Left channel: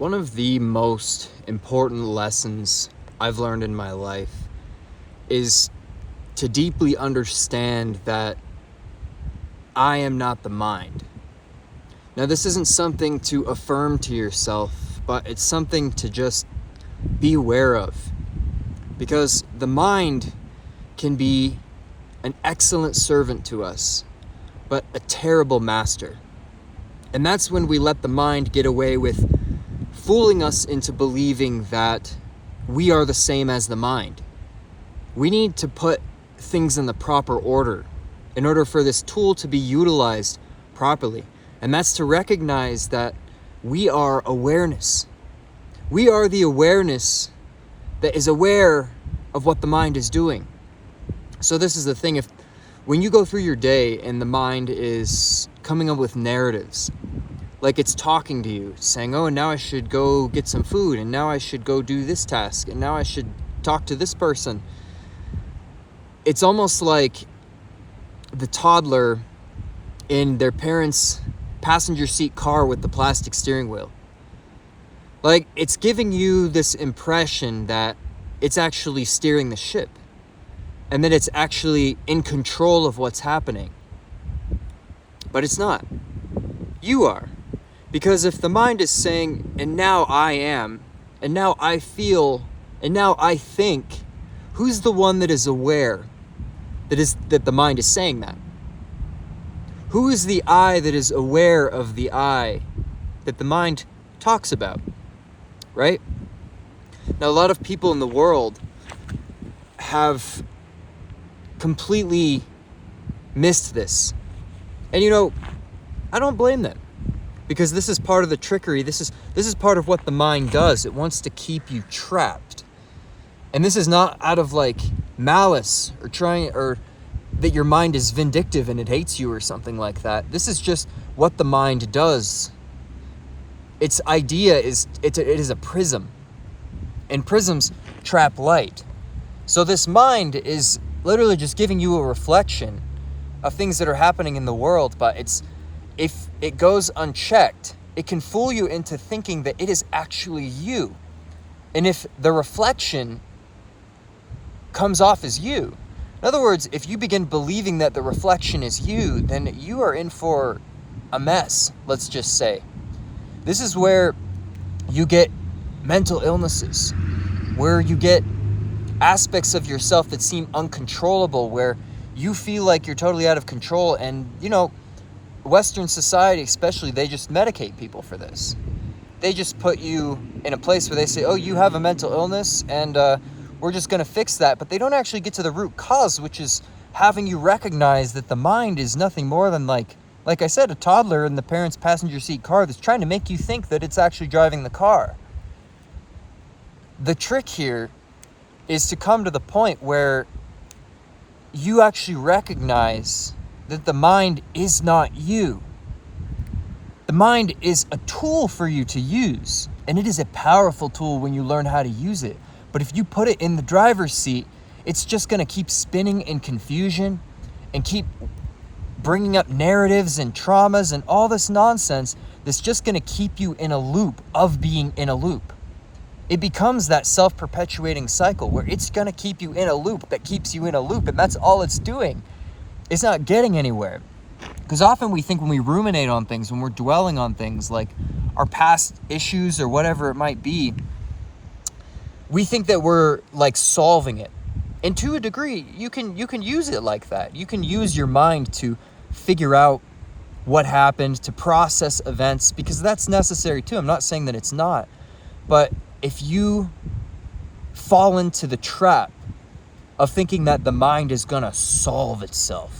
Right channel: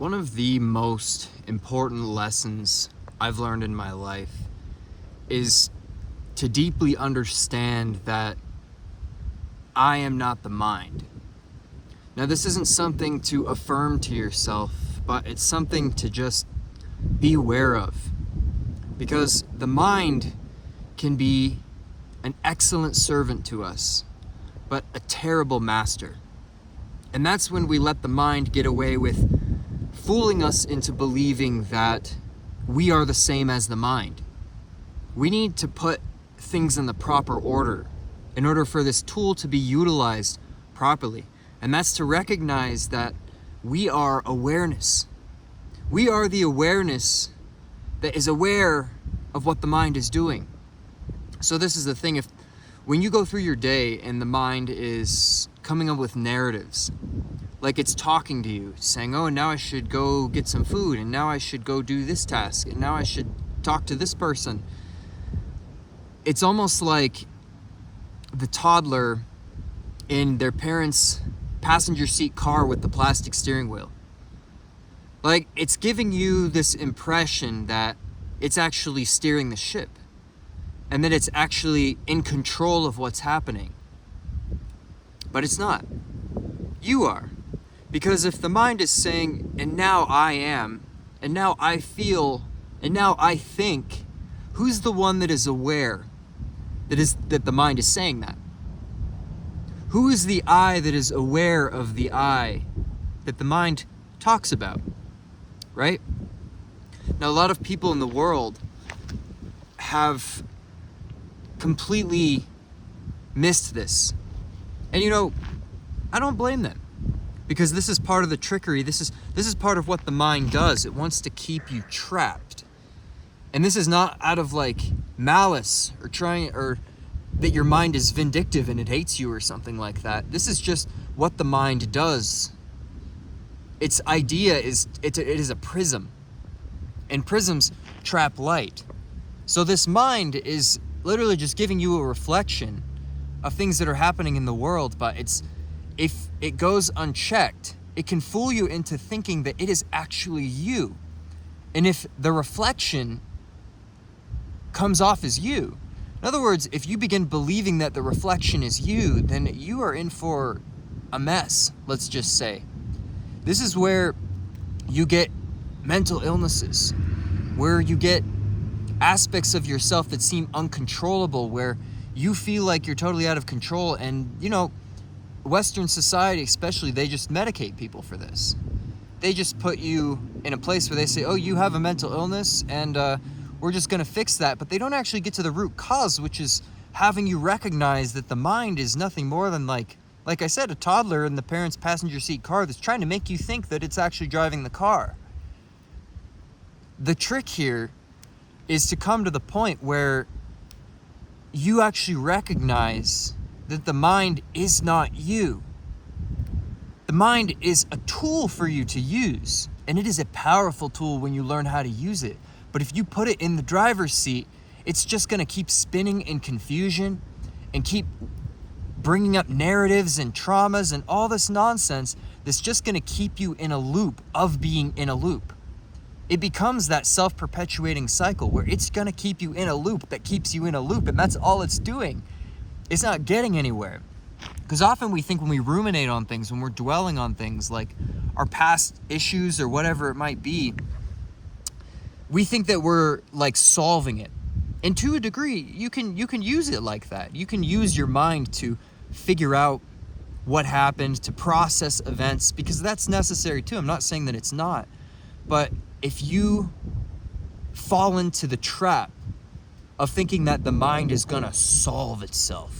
One of the most important lessons I've learned in my life is to deeply understand that I am not the mind. Now, this isn't something to affirm to yourself, but it's something to just be aware of. Because the mind can be an excellent servant to us, but a terrible master. And that's when we let the mind get away with fooling us into believing that we are the same as the mind. We need to put things in the proper order in order for this tool to be utilized properly. And that's to recognize that we are awareness. We are the awareness that is aware of what the mind is doing. So this is the thing, when you go through your day and the mind is coming up with narratives, like it's talking to you, saying, oh, now I should go get some food, and now I should go do this task, and now I should talk to this person. It's almost like the toddler in their parents' passenger seat car with the plastic steering wheel. Like, it's giving you this impression that it's actually steering the ship, and that it's actually in control of what's happening. But it's not. You are. Because if the mind is saying, and now I am, and now I feel, and now I think, who's the one that is aware that the mind is saying that? Who is the I that is aware of the I that the mind talks about? Right? Now, a lot of people in the world have completely missed this. And I don't blame them. Because this is part of the trickery. This is part of what the mind does. It wants to keep you trapped. And this is not out of like malice or that your mind is vindictive and it hates you or something like that. This is just what the mind does. Its idea is it is a prism. And prisms trap light. So this mind is literally just giving you a reflection of things that are happening in the world, but if it goes unchecked, it can fool you into thinking that it is actually you. And if the reflection comes off as you, in other words, if you begin believing that the reflection is you, then you are in for a mess, let's just say. This is where you get mental illnesses, where you get aspects of yourself that seem uncontrollable, where you feel like you're totally out of control. And, Western society especially, they just medicate people for this. They just put you in a place where they say, oh, you have a mental illness, and we're just going to fix that. But they don't actually get to the root cause, which is having you recognize that the mind is nothing more than, like I said, a toddler in the parents' passenger seat car that's trying to make you think that it's actually driving the car. The trick here is to come to the point where you actually recognize that the mind is not you. The mind is a tool for you to use, and it is a powerful tool when you learn how to use it. But if you put it in the driver's seat, it's just going to keep spinning in confusion and keep bringing up narratives and traumas and all this nonsense that's just going to keep you in a loop of being in a loop. It becomes that self-perpetuating cycle where it's going to keep you in a loop that keeps you in a loop, and that's all it's doing. It's not getting anywhere. Because often we think when we ruminate on things, when we're dwelling on things like our past issues or whatever it might be, we think that we're like solving it. And to a degree, you can use it like that. You can use your mind to figure out what happened, to process events, because that's necessary too. I'm not saying that it's not. But if you fall into the trap of thinking that the mind is going to solve itself,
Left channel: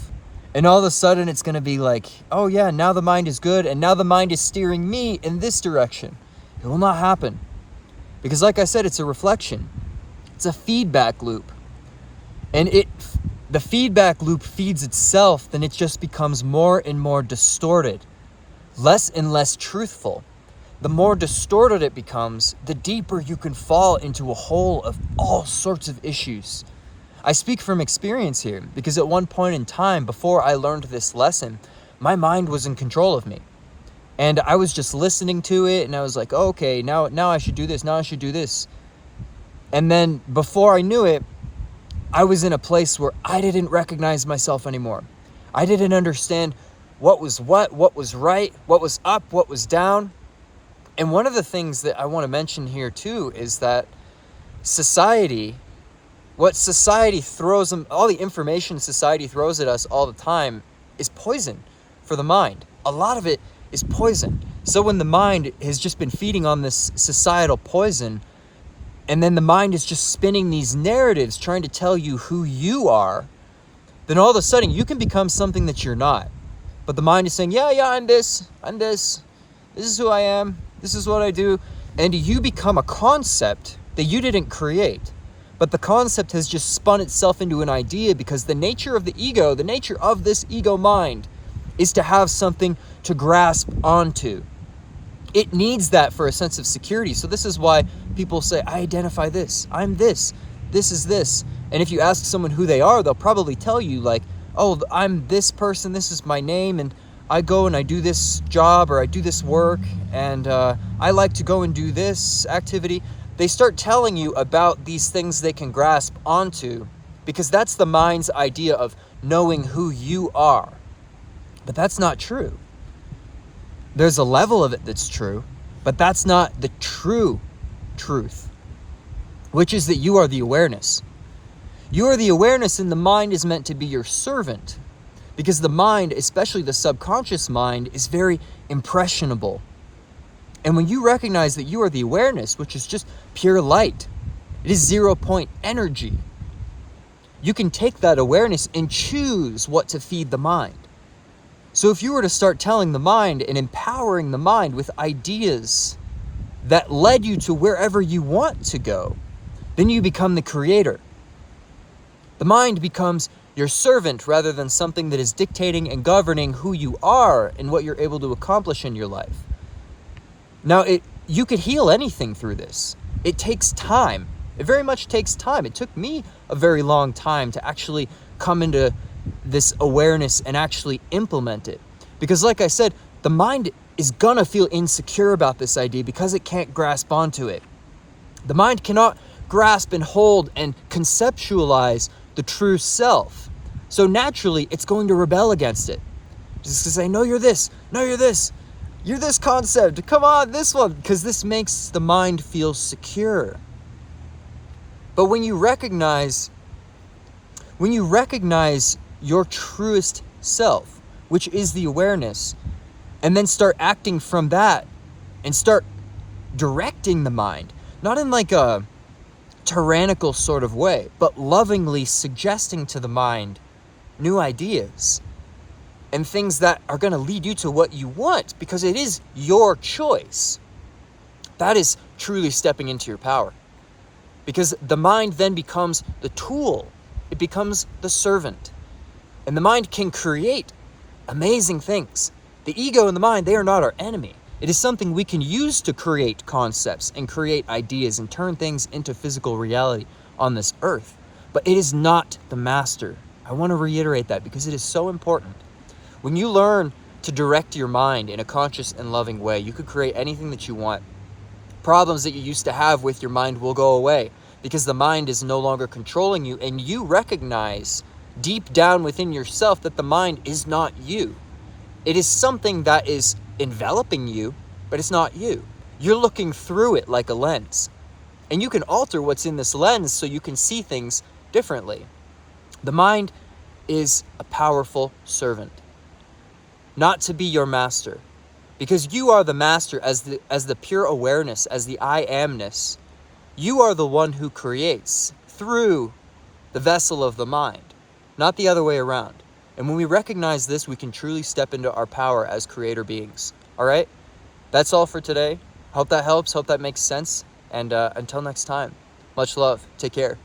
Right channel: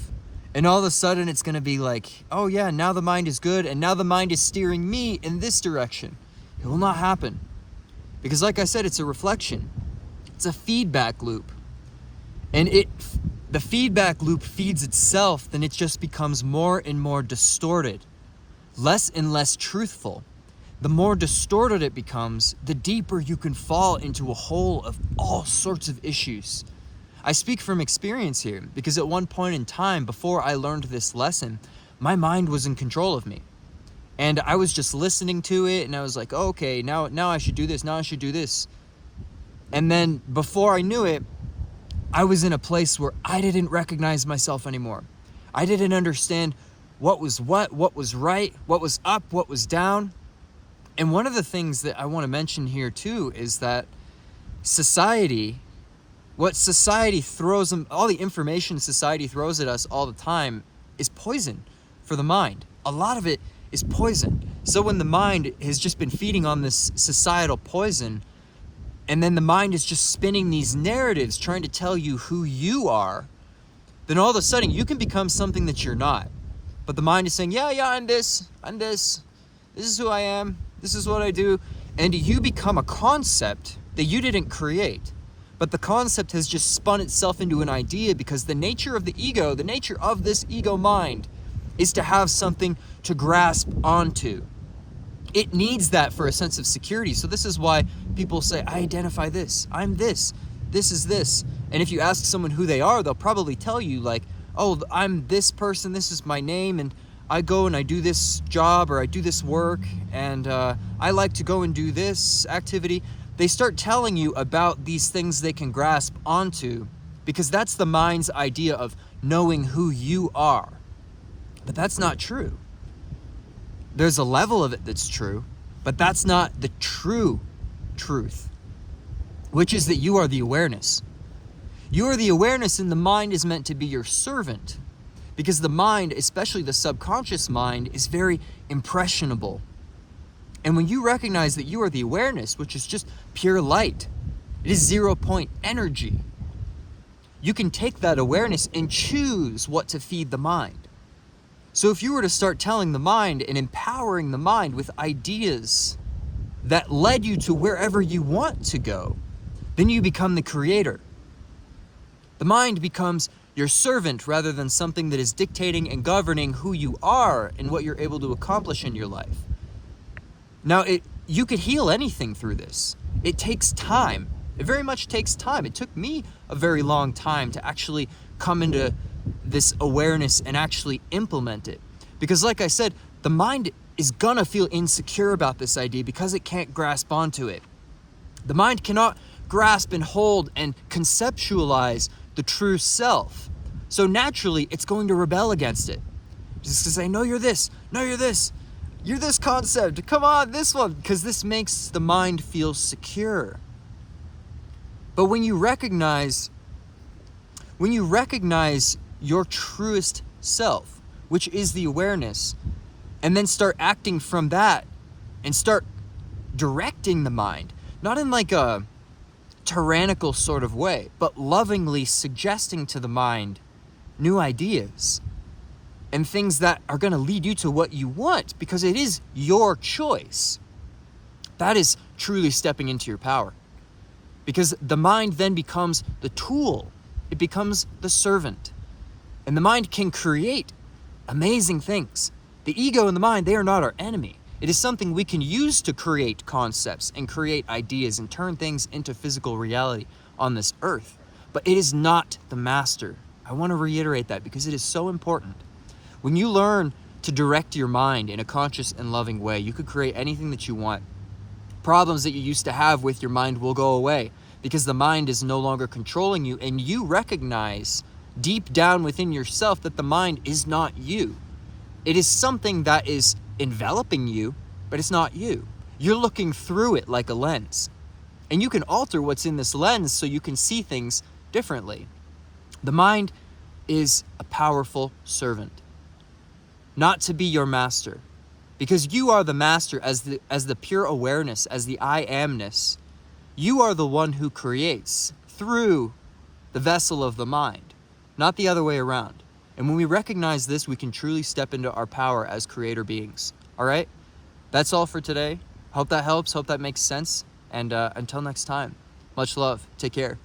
and all of a sudden it's going to be like, oh yeah, now the mind is good, and now the mind is steering me in this direction. It will not happen. Because like I said, it's a reflection. It's a feedback loop. And the feedback loop feeds itself, then it just becomes more and more distorted, less and less truthful. The more distorted it becomes, the deeper you can fall into a hole of all sorts of issues. I speak from experience here, because at one point in time, before I learned this lesson, my mind was in control of me. And I was just listening to it, and I was like, oh, okay, now I should do this, now I should do this. And then before I knew it, I was in a place where I didn't recognize myself anymore. I didn't understand what was right, what was up, what was down. And one of the things that I want to mention here too is that what society throws them, all the information society throws at us all the time is poison for the mind. A lot of it is poison. So when the mind has just been feeding on this societal poison, and then the mind is just spinning these narratives trying to tell you who you are, then all of a sudden you can become something that you're not. But the mind is saying, yeah, I'm this, this is who I am, this is what I do. And you become a concept that you didn't create. But the concept has just spun itself into an idea because the nature of the ego, the nature of this ego mind, is to have something to grasp onto. It needs that for a sense of security. So this is why people say, I identify this, I'm this is this. And if you ask someone who they are, they'll probably tell you like, oh, I'm this person, this is my name, and I go and I do this job or I do this work, and I like to go and do this activity. They start telling you about these things they can grasp onto because that's the mind's idea of knowing who you are. But that's not true. There's a level of it that's true, but that's not the true truth, which is that you are the awareness. You are the awareness, and the mind is meant to be your servant because the mind, especially the subconscious mind, is very impressionable. And when you recognize that you are the awareness, which is just pure light, it is 0 point energy, you can take that awareness and choose what to feed the mind. So if you were to start telling the mind and empowering the mind with ideas that led you to wherever you want to go, then you become the creator. The mind becomes your servant rather than something that is dictating and governing who you are and what you're able to accomplish in your life. Now, you could heal anything through this. It takes time. It very much takes time. It took me a very long time to actually come into this awareness and actually implement it. Because like I said, the mind is gonna feel insecure about this idea because it can't grasp onto it. The mind cannot grasp and hold and conceptualize the true self. So naturally, it's going to rebel against it. Just to say, no, you're this, no, you're this. You're this concept, come on, this one, because this makes the mind feel secure. But when you recognize your truest self, which is the awareness, and then start acting from that and start directing the mind, not in like a tyrannical sort of way, but lovingly suggesting to the mind new ideas and things that are going to lead you to what you want because it is your choice. That is truly stepping into your power. Because the mind then becomes the tool. It becomes the servant. And the mind can create amazing things. The ego and the mind, they are not our enemy. It is something we can use to create concepts and create ideas and turn things into physical reality on this earth. But it is not the master. I want to reiterate that because it is so important. When you learn to direct your mind in a conscious and loving way, you could create anything that you want. Problems that you used to have with your mind will go away because the mind is no longer controlling you, and you recognize deep down within yourself that the mind is not you. It is something that is enveloping you, but it's not you. You're looking through it like a lens. And you can alter what's in this lens so you can see things differently. The mind is a powerful servant, not to be your master, because you are the master as the pure awareness, as the I amness. You are the one who creates through the vessel of the mind, not the other way around. And when we recognize this, we can truly step into our power as creator beings. All right? That's all for today. Hope that helps. Hope that makes sense. And until next time, much love. Take care.